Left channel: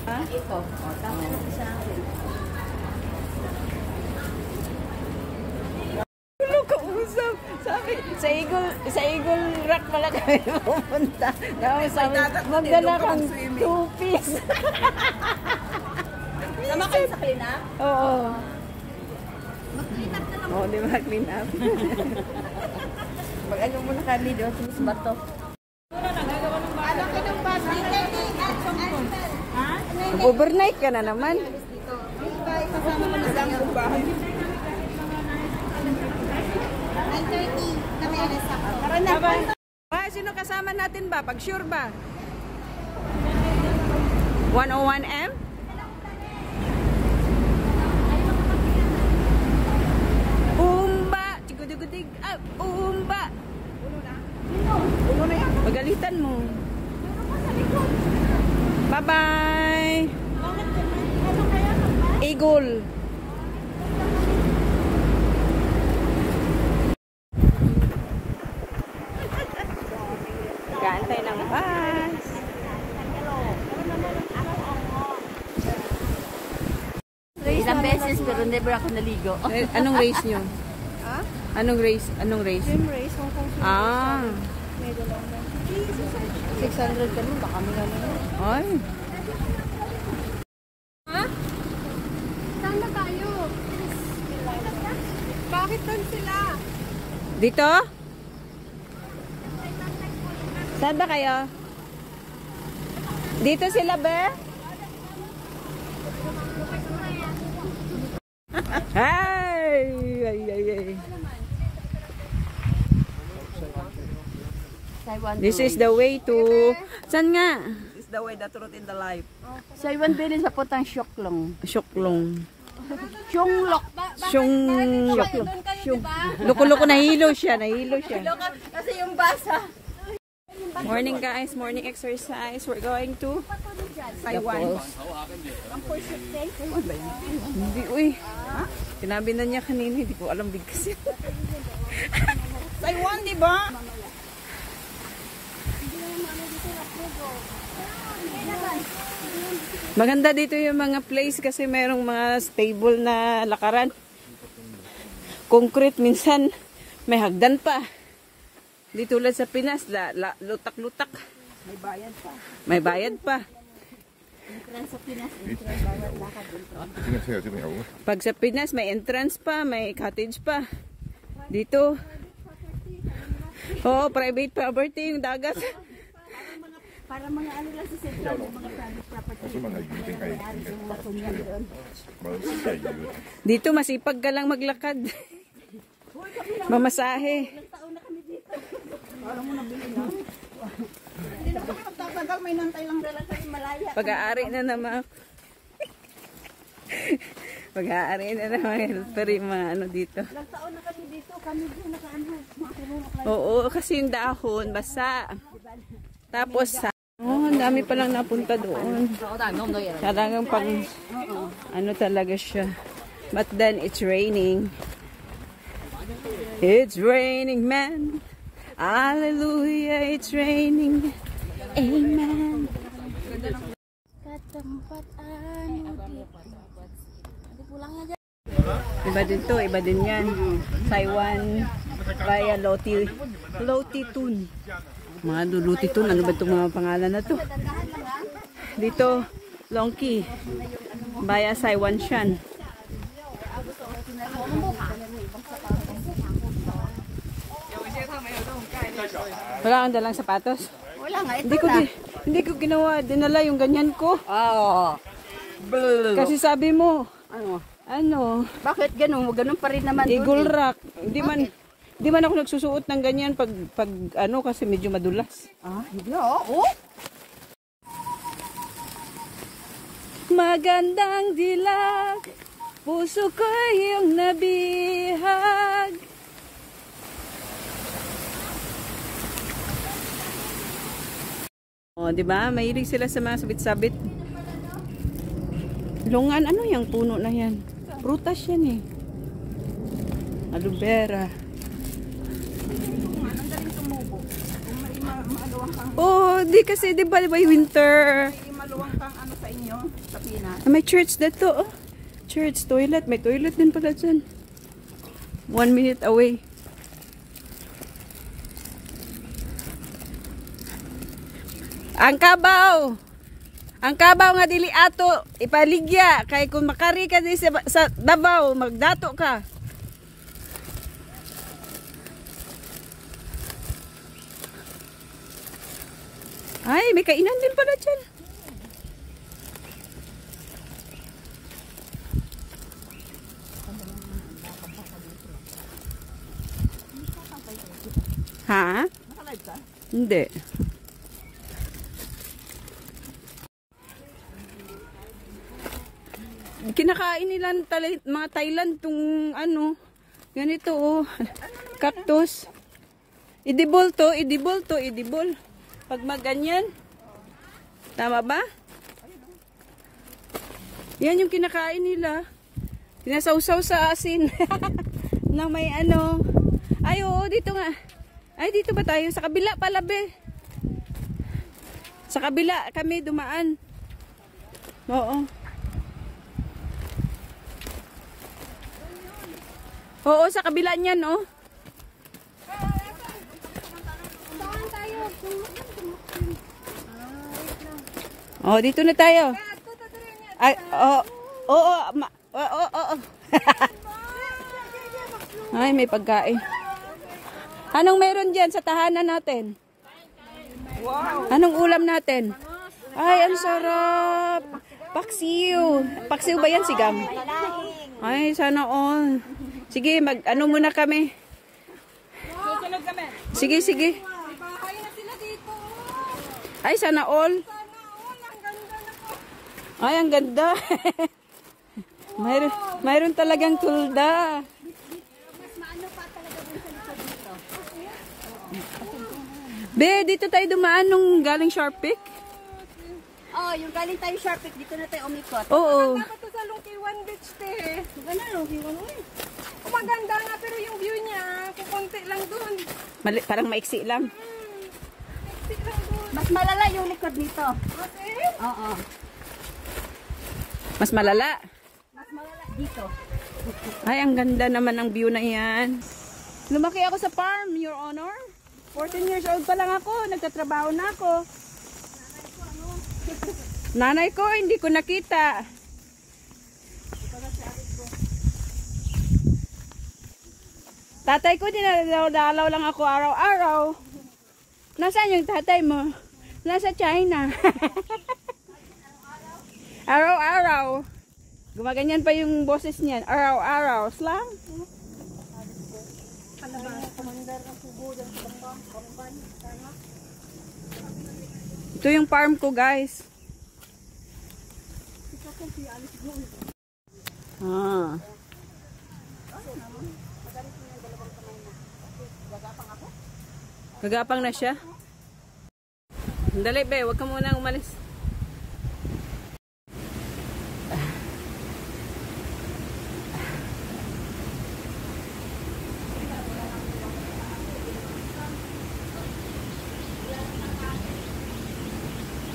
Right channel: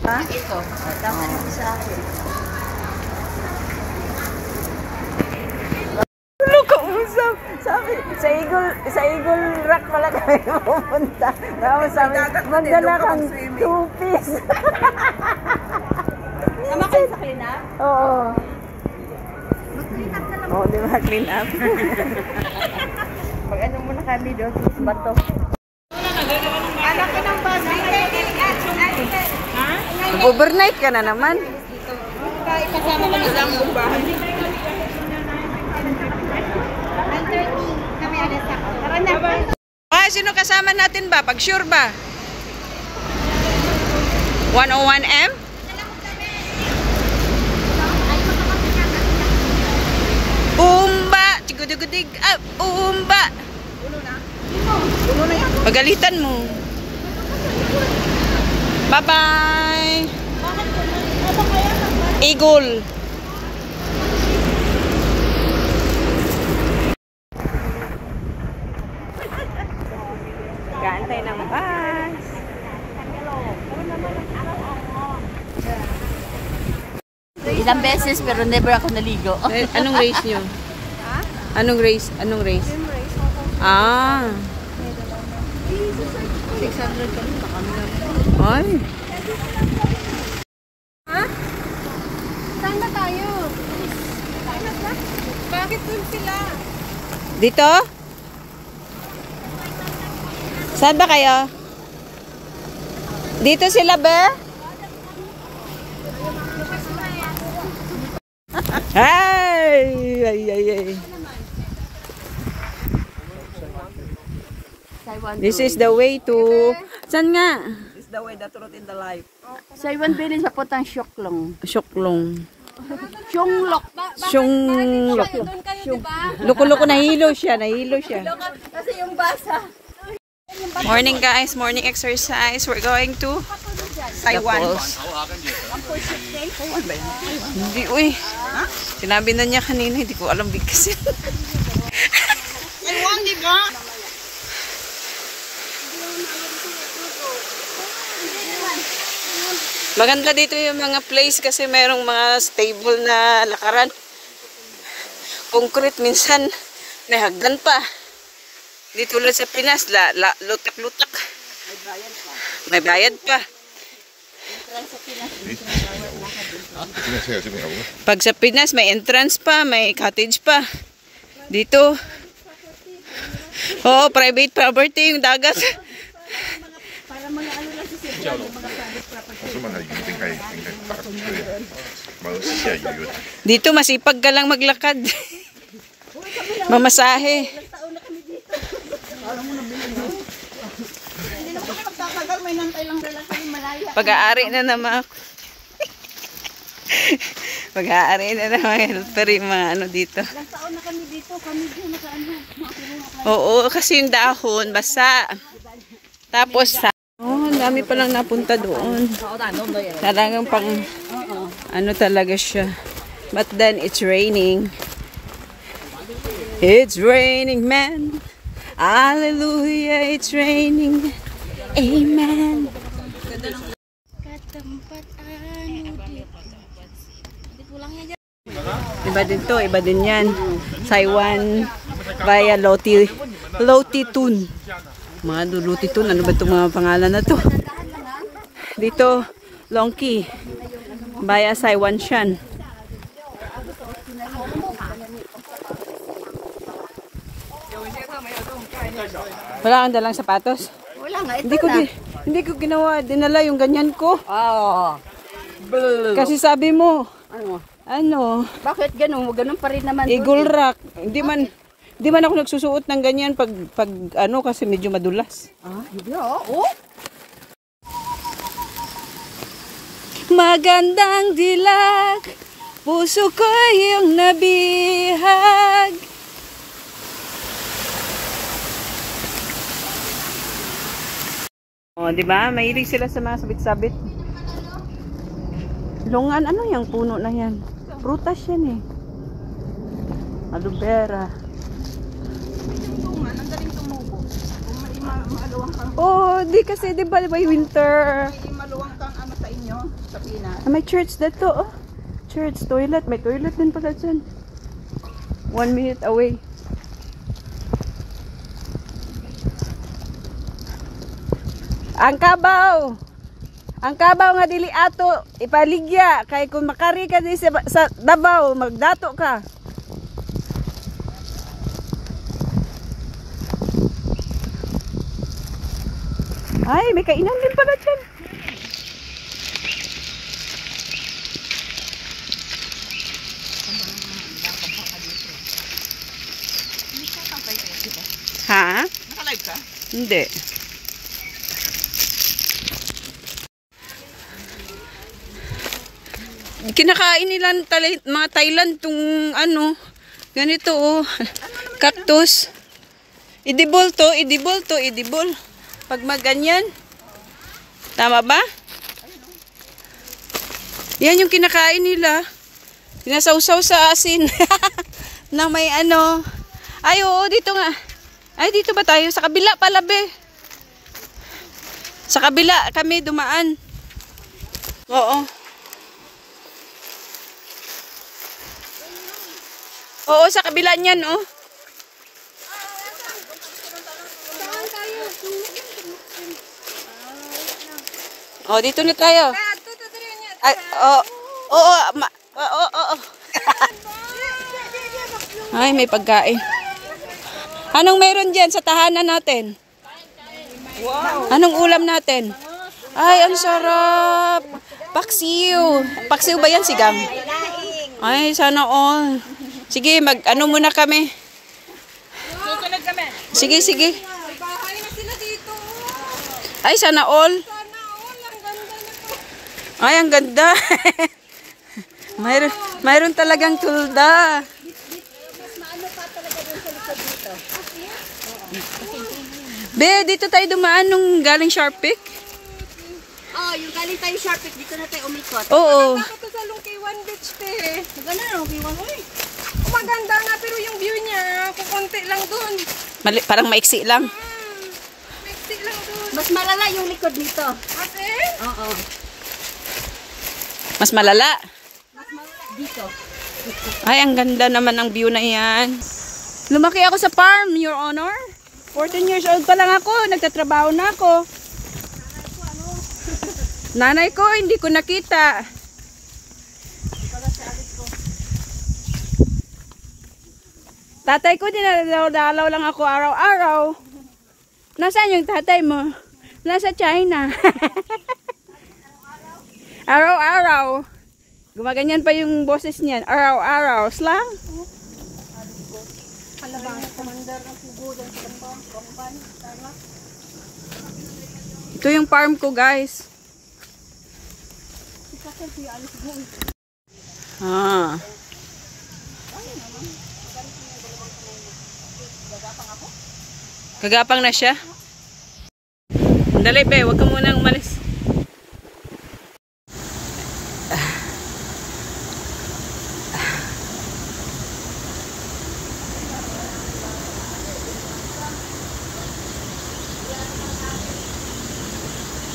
Ha? Ito. Dapat sa akin. Kausap. Sabi, sa Eagle Rock pala kami pupunta. Sabi, magdala kang 2-piece. Sama kayo sa clean up? Oo. Mag-clean up na lang. Oo, di ba? Clean up. Mag-ano muna kami doon sa bato. Overnight ka na naman. Ipasama ko na lang yung bahay. 9:30 kami alas ako. Tara na. Sino kasama natin ba? Pag sure ba? 101M? Umba! Chigudugudig! Umba! Pagalitan mo. Bye-bye! Eagle! Kaantay ng bus. Ilang beses pero never ako naligo. Anong race nyo? Anong race? Anong race? Ah. 600 kami, baka kami na. Ay. Ha? Saan na tayo? Bakit doon sila? Dito? Saan ba kayo? Dito sila ba? Ay! Ay, ay, ay. This is the way to... Saan nga? This is the way, the truth in the life. Sa iwan bilin sa putang syoklong. Syoklong. Syonglok. Syonglok. Loko-loko, nahilo siya. Kasi yung basa. Morning guys, morning exercise. We're going to Taiwan. Hindi, uy. Sinabi na niya kanina, hindi ko alam bigkasin. Taiwan, di ba? Maganda dito yung mga place kasi merong mga stable na lakaran. Concrete, minsan may hagdan pa. Di tulad sa Pinas, lutak-lutak. May bayad pa. Pag sa Pinas, may entrance pa, may cottage pa. Dito, oh, private property yung dagat. Dito masipag ka lang maglakad. Mamasahe. Pag-aari na naman ako. Pag-aari na naman pero yung mga ano dito. Taon na kami dito, kami din nakaano. Oo, kasi yung dahon basa. Tapos sa oh, ang dami palang napunta doon. Talagang pang ano talaga siya. But then it's raining. It's raining, man. Hallelujah, it's raining. Amen. Katempat anu dito. Di pulangnya aja. Iba din to, iba din yan. Taiwan via Lotitun. Mga Lotitun, ano ba itong mga pangalan na to? Dito, Longki via Saiwanshan. Wala kang dalang sapatos? Wala nga, Hindi ko ginawa, dinala yung ganyan ko. Kasi sabi mo, ano? Bakit ganun? Ganun pa rin naman. Eagle Rock. Hindi man ako nagsusuot ng ganyan pag ano kasi medyo madulas. Hindi oh. Magandang dilag, puso ko yung nabihag. Oh, di ba? Mahilig sila sa mga sabit-sabit. Lungan, ano yung puno na yan? Prutas yan eh. Aloe vera. Oh, di kasi di ba winter? May maluwang kang ano sa inyo? May church dito, oh. Church, toilet. May toilet din pala dyan. 1 minute away. Ang kabaw! Ang kabaw nga dili ato ipaligya kay kung makari ka di sa Davao magdato ka. Ay, may kainan din pala dyan. Ha? Naka-live ka? Hindi. Kinakain nila ng mga Thailand tong ano, ganito oh, cactus. Edible to, edible to, edible. Pag maganyan. Tama ba? Yan yung kinakain nila. Sinasawsaw sa asin. Na may ano. Ay, oo, dito nga. Ay, dito ba tayo? Sa kabila pala, be. Sa kabila kami dumaan. Oo. Oo, sa kabila niyan, oh. Oh, dito na tayo. Ay, oh, oo, oo. Ay, may pagkain. Anong meron diyan sa tahanan natin? Anong ulam natin? Ay, ang sarap. Paksiw. Paksiw ba yan, Sigam? Ay, sana all. Sige, ano muna kami. Susunod kami. Sige, sige. Bahay na sila dito. Ay, sana all. Ay, ang ganda. mayroon talagang tulda. Be, dito tayo dumaan nung galing Sharp Peak. Oh, yung galing tayo Sharpie, dito na tayo umikot. Oo. Ito sa Lungkiwan Beach, te. Maganda na, Lungkiwan ko eh. Maganda nga, pero yung view niya, kukunti lang doon. Parang maiksi lang. Mixi lang doon. Mas malala yung likod nito. Kasi, Oo. Mas malala. Mas malala dito. Ay, ang ganda naman ang view na yan. Lumaki ako sa farm, Your Honor. 14 years old pa lang ako. Nagtatrabaho na ako. Nanay ko, hindi ko nakita. Tatay ko, dinalaw lang ako araw-araw. Nasaan yung tatay mo? Nasa China. Araw-araw. Gumaganyan pa yung boses niyan. Araw-araw. Slang. Ito yung farm ko, guys. Ah. Gagapang na siya. Dali, be. Huwag ka munang umalis.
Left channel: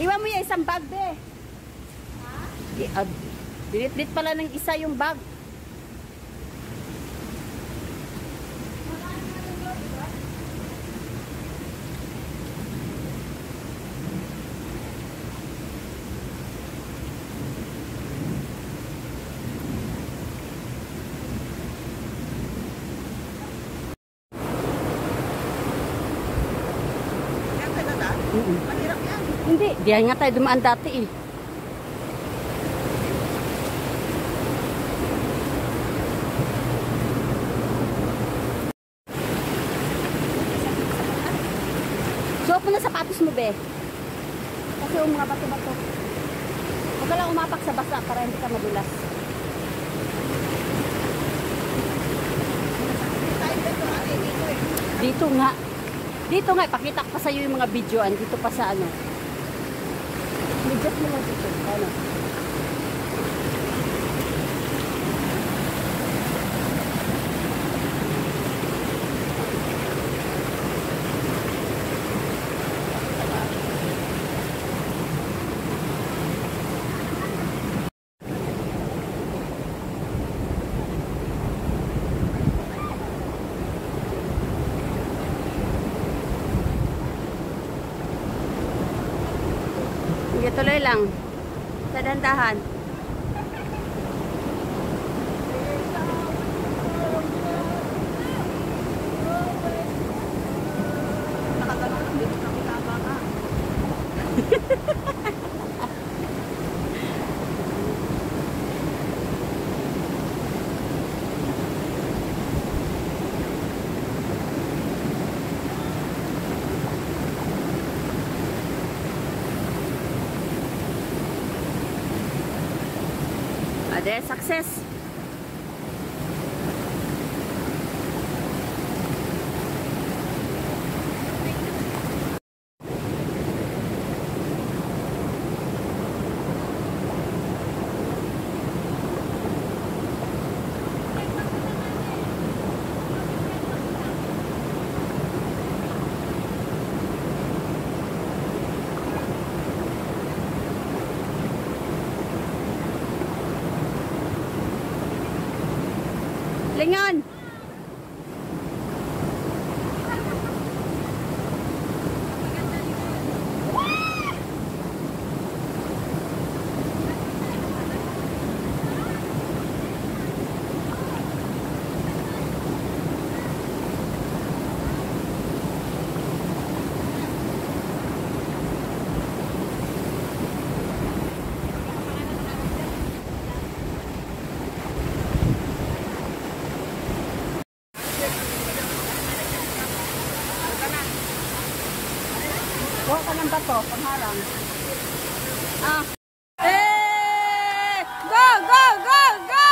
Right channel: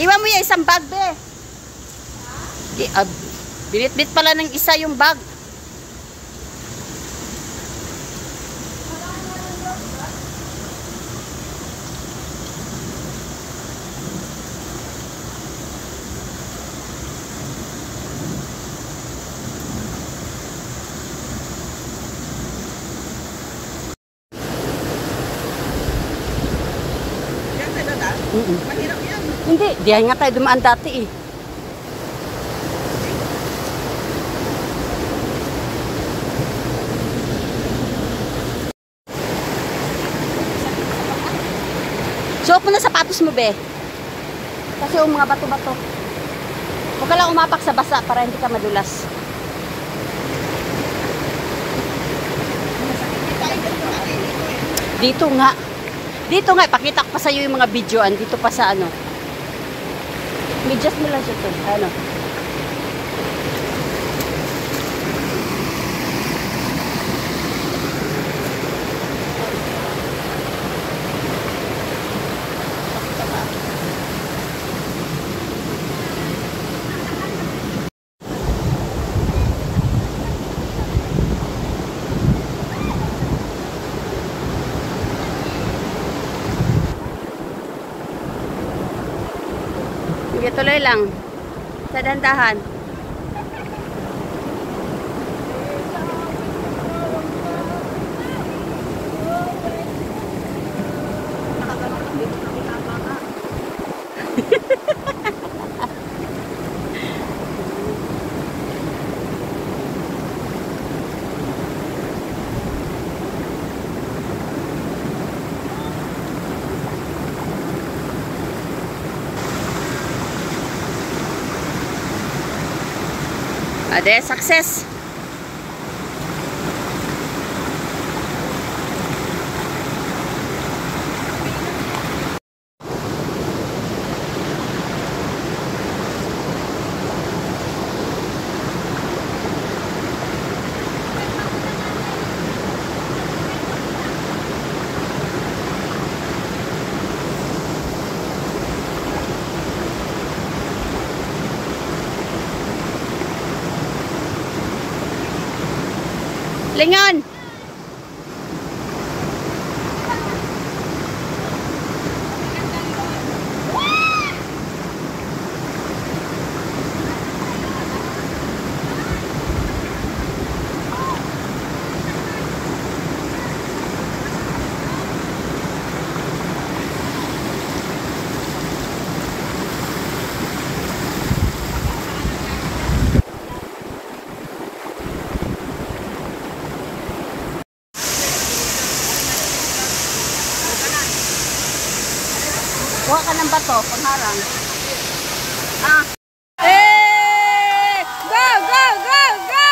Iwan mo yung isang bag, be. Binit-bit pala ng isa yung bag. Hindi, diyan nga tayo dumaan dati eh. Suot mo na sapatos mo, be. Kasi yung mga bato-bato. Huwag ka lang umapak sa basa para hindi ka madulas. Dito nga. Dito nga, ipakita ko pa sa'yo yung mga videoan. Dito pa sa ano. Medyas mo lang siya ito. Ano? Sige, tuloy lang. Sa dandahan. Ade, success! Lingon! Kuha ka ng bato, pangharang. Ah. Eh! Go, go, go, go!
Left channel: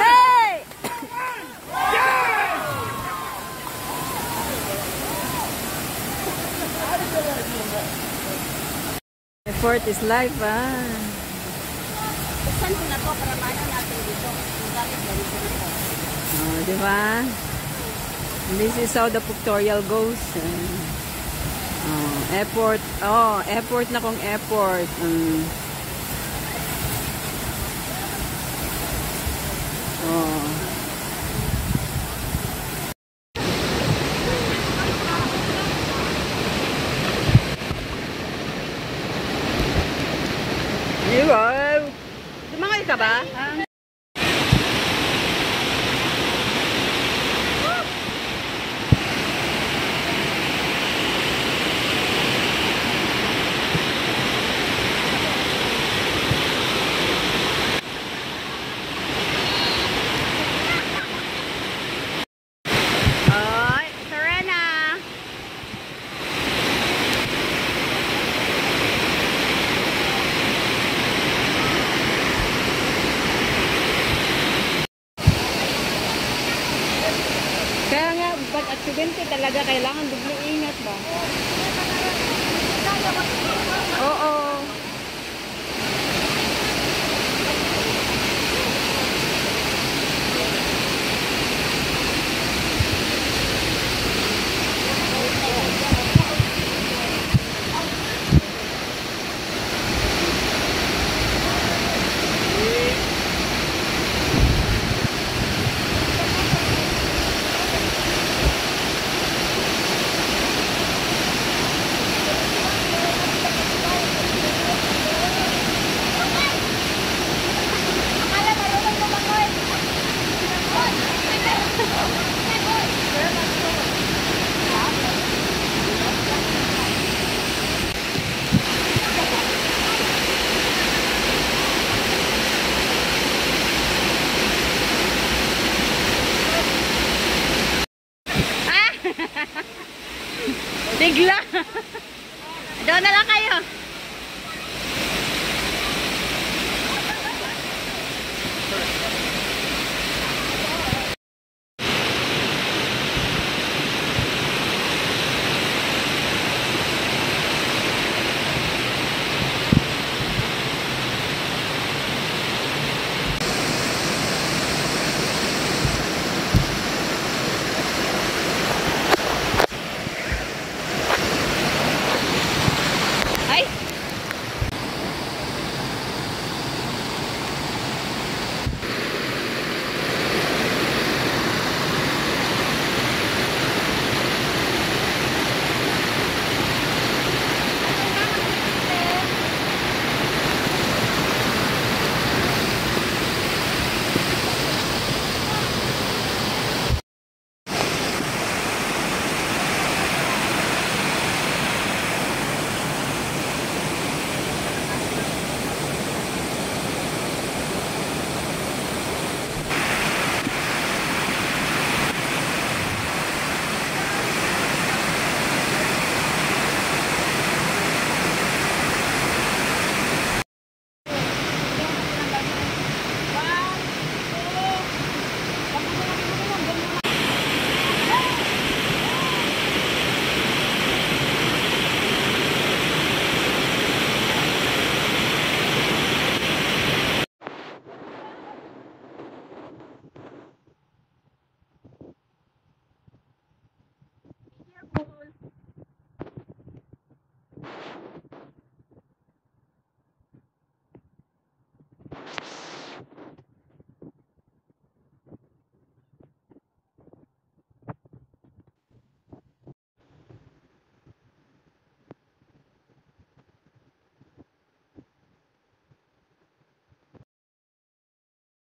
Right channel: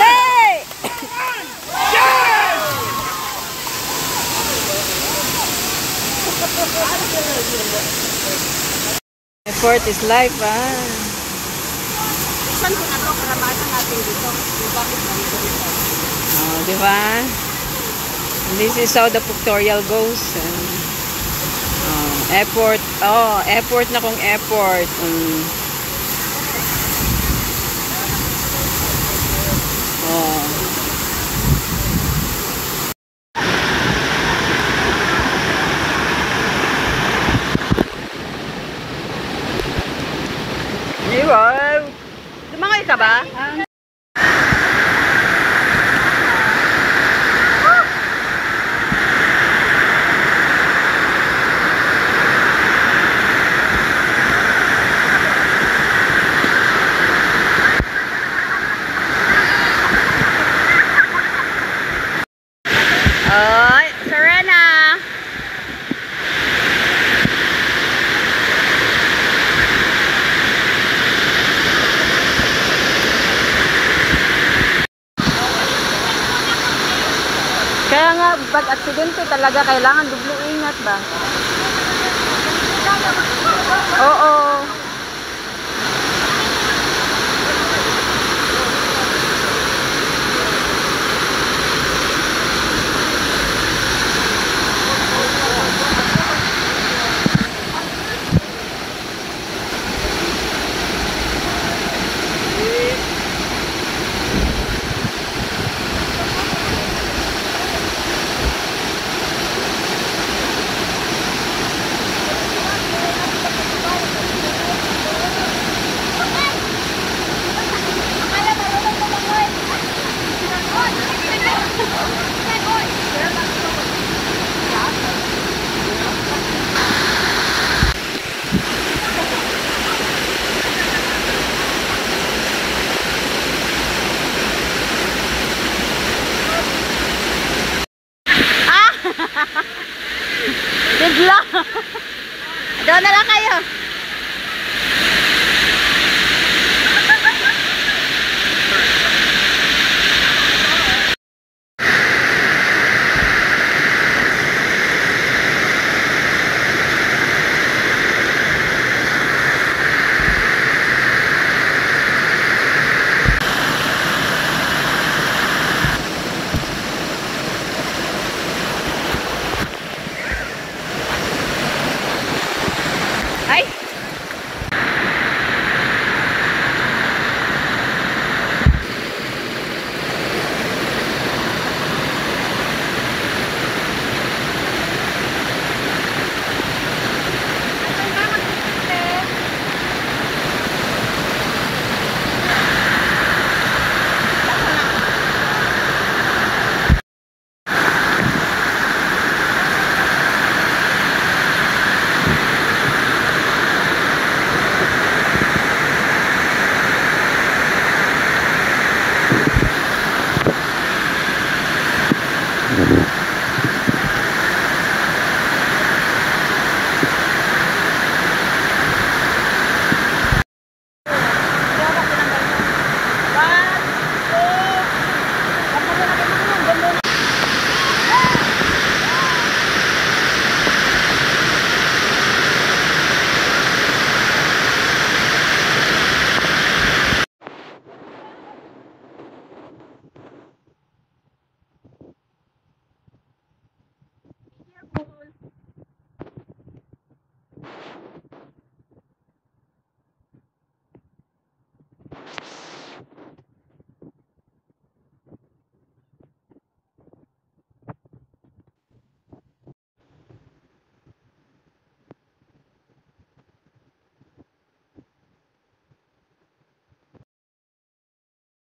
Hey! Effort is life, ah. Saan ko na ito? Karanasan natin dito. Bakit ganito dito? Oh, di ba? This is how the pictorial goes. Airport. Oh, airport na kung airport. Oh. Wow! Lumangoy ka ba? Oy, Serena! Kaya nga, pag aksidente talaga kailangan doble ingat ba? Oo. Bigla. Doon na lang kayo.